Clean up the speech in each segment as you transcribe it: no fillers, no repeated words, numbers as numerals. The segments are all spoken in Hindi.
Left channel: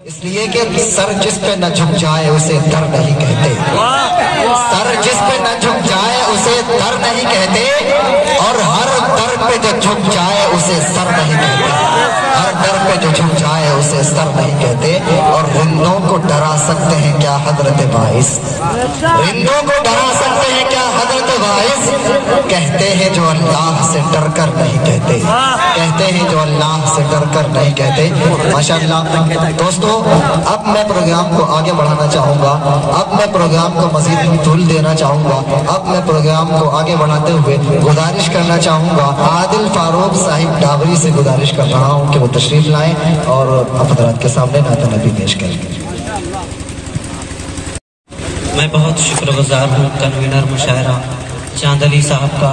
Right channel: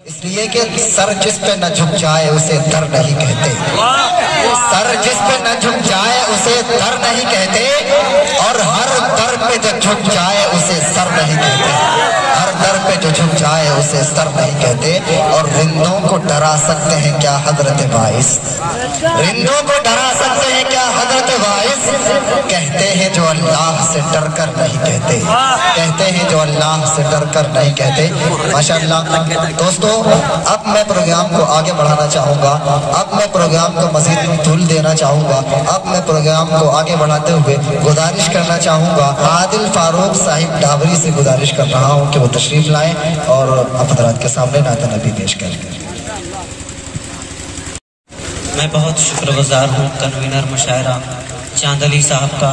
इसलिए कि सर जिस पे न झुक जाए उसे दर नहीं कहते, सर जिस पे न झुक जाए उसे दर नहीं कहते, और हर दर पे जो झुक जाए उसे सर नहीं कहते, हर दर पे जो झुक जाए उसे सर नहीं कहते। और रिंदों को डरा सकते हैं क्या हजरत वाइस, रिंदों को डरा सकते हैं क्या हजरत वाइस, कहते हैं जो अल्लाह से डर कर नहीं कहते, कहते हैं जो अल्लाह से डर कर नहीं कहते। माशाअल्लाह दोस्तों, अब मैं प्रोग्राम को आगे बढ़ाना चाहूंगा, अब मैं प्रोग्राम को मजीद तूल देना चाहूंगा, अब मैं प्रोग्राम को आगे बढ़ाते हुए गुजारिश करना चाहूंगा, आदिल फारूक साहिब डाबरी से गुजारिश कर रहा हूं कि वो तशरीफ लाएं और हज़रात के सामने नात नबी पेश करें। मैं बहुत शुक्रगुजार हूँ कन्वीनर मुशायरा चांद अली साहब का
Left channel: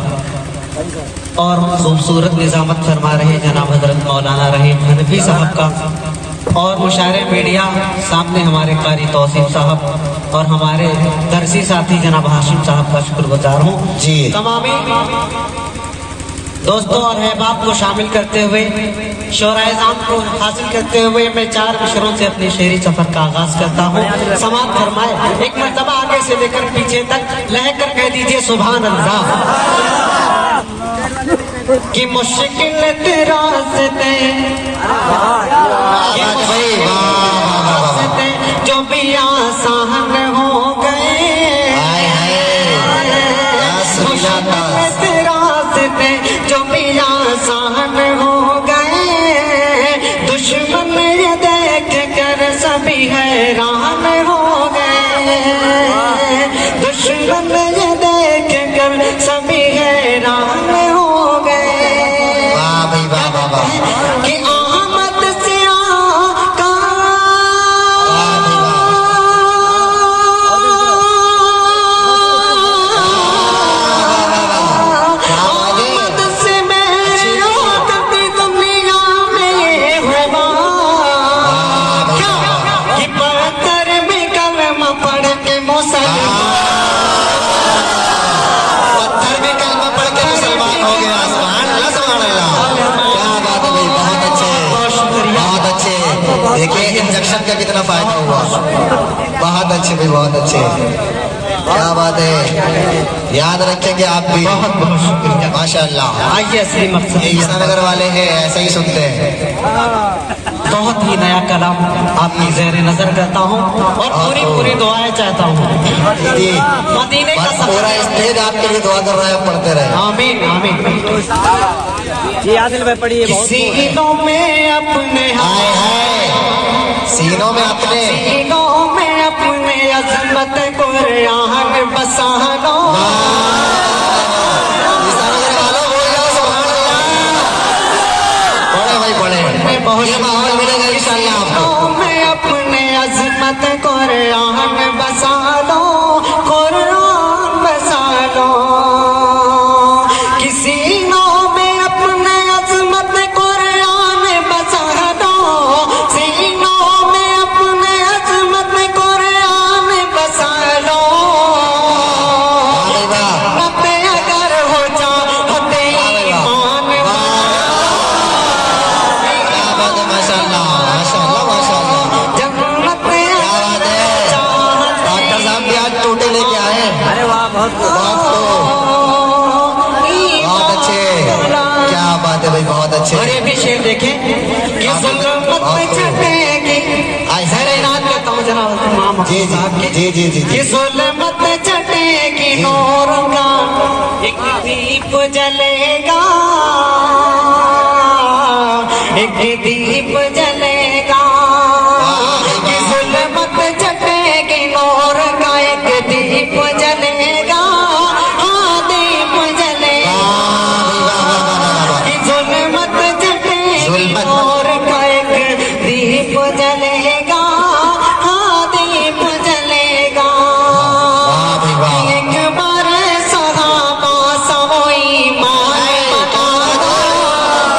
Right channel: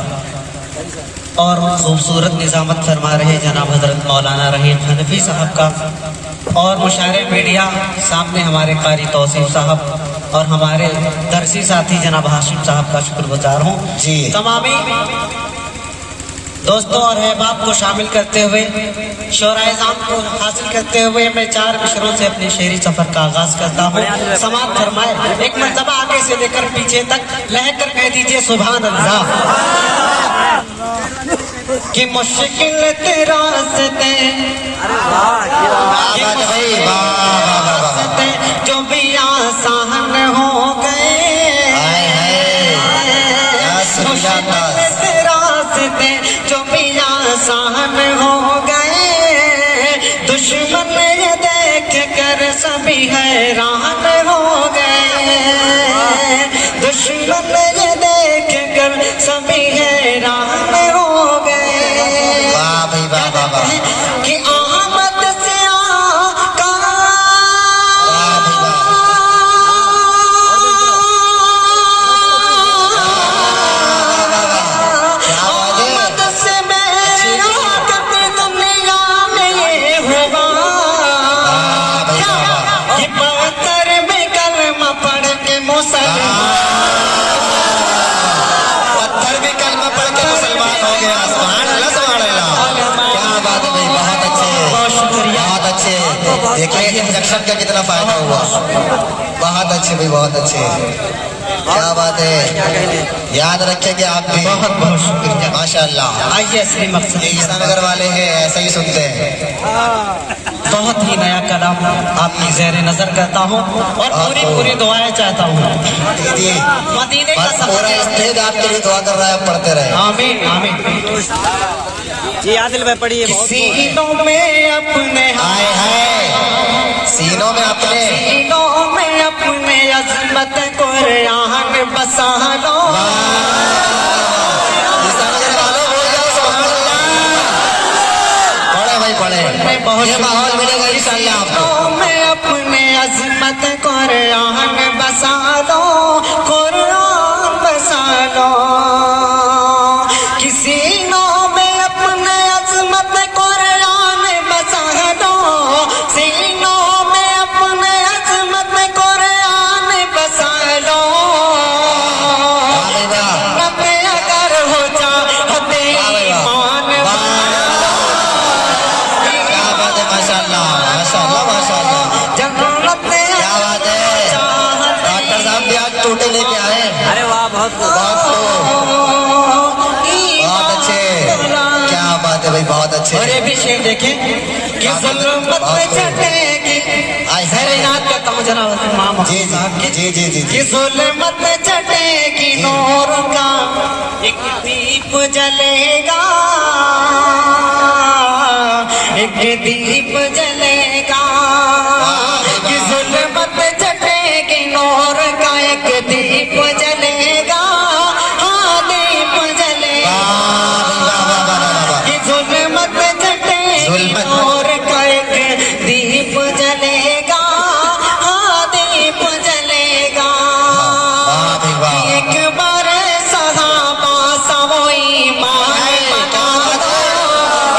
और खूबसूरत निजामत फरमा रहे जनाब हजरत मौलाना रहीम हनफी साहब का, और मुशायरे मीडिया सामने हमारे कारी तौसीफ साहब और हमारे दरसी साथी जनाब हाशिम साहब का शुक्रगुजार हूँ जी। तमामी दोस्तों और अहबाब को शामिल करते हुए शोराइज़ाम को हासिल करते हुए मैं 4 मिसरों से अपने शेरी सफर का आगाज करता हूँ। समात फरमाए एक मरतबा आगे से लेकर पीछे तक लहक कर कह दीजिए सुभान अल्लाह। कि मुश्किल तेरा जो भी आसान हो गए, जो भी आसान हो गए, दुश्मन ये देख कर सभी हैरान हो गए, दुश्मन ये देख कर सभी हैरान हो गए। कि आमद से आका आमद से मेरी कभी दुनिया में ये हुआ कि पत्थर में कलमा पढ़ के मुसलमान, पत्थर में कलमा पढ़ के मुसलमान हो गया। देखिए इंजेक्शन का कितना फायदा हुआ, बहुत अच्छे भाई, बहुत अच्छे, क्या बात है, याद रखेंगे आप भी। बहुत बहुत शुक्रिया माशाअल्लाह। आइए असली मकसद ये ईसानगर वाले हैं, ऐसे ही सुनते हैं। बहुत ही नया कलाम आपकी ज़ेरे नजर करता हूँ और पूरी दुआएं चाहता हूँ। जी मदीने का पूरा स्टेज आपके लिए दुआ कर रहा है, पढ़ते रहे। आमीन आमीन जी। आदिल में पढ़िए। सीनों में अपने हाय हाय, सीनों में अपने, सीनों में अपने अज़मत कुरान बसा लो। पढ़े भाई पढ़े, बहुत ये माहौल मिलेगा इंशाअल्लाह आपको। में अपने अज़मत कुरान बसा लो, कुरान बसा लो। किसी लेके आए, अरे वाह बहुत अच्छे, क्या बात है भाई, बहुत अच्छे। और ये भी शेर देखें कि ज़ुल्मत में चढ़ेगी, ऐसे नाच करता हूँ जनाब मामा जी जी जी जी जी। ज़ुल्मत में चढ़ेगी नूर का एक दीप जलेगा, एक दीप जलेगा। कि ज़ुल्मत में चढ़ेगी नूर का एक दीप जलेगा, हाँ दीप जलेगा। कि ज़ुल्मत चढ़ेगी नूर का एक दीप जलेगा, हाँ दीप जलेगा। एक बार सहाबा सब ईमान बना लो,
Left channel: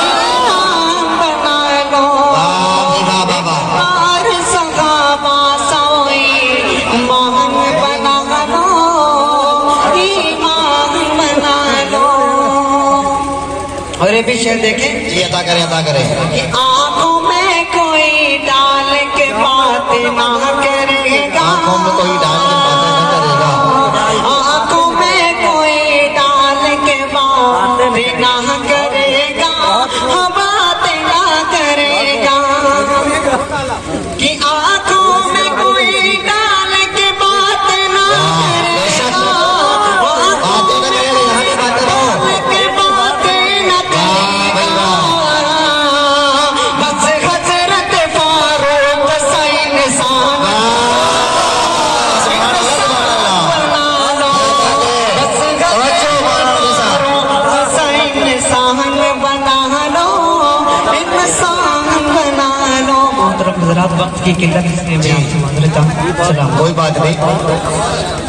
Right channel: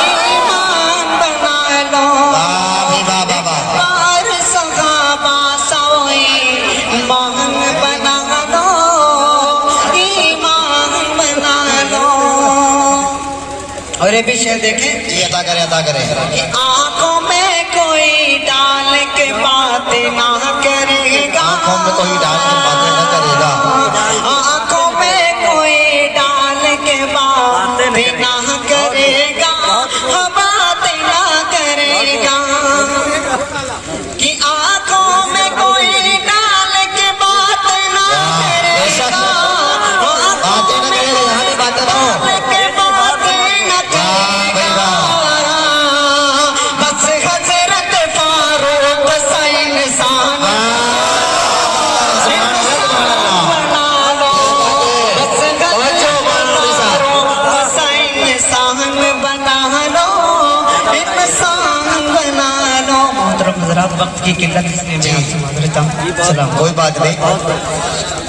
ईमान बना लो। बार सहाबा सब ईमान बना लो, ईमान बना लो। और ये भी शेर देखें, ये अदा करें, अदा करें। आंखों में कोई डाल के में कोई डाल के बातें न करेगा, आंखों में कोई डाल के बातें ना करेगा, बातें ना करेगा, कि आंखों में कोई डाल के बातें ना करेगा, बातें न करेगा, यहाँ की बातें रहो, बातें ना करेगा, बस हजरत फारूक सैन इंसान वक्त की किल्लत से मैं आपसे मांग लेता हूँ। कोई बात नहीं।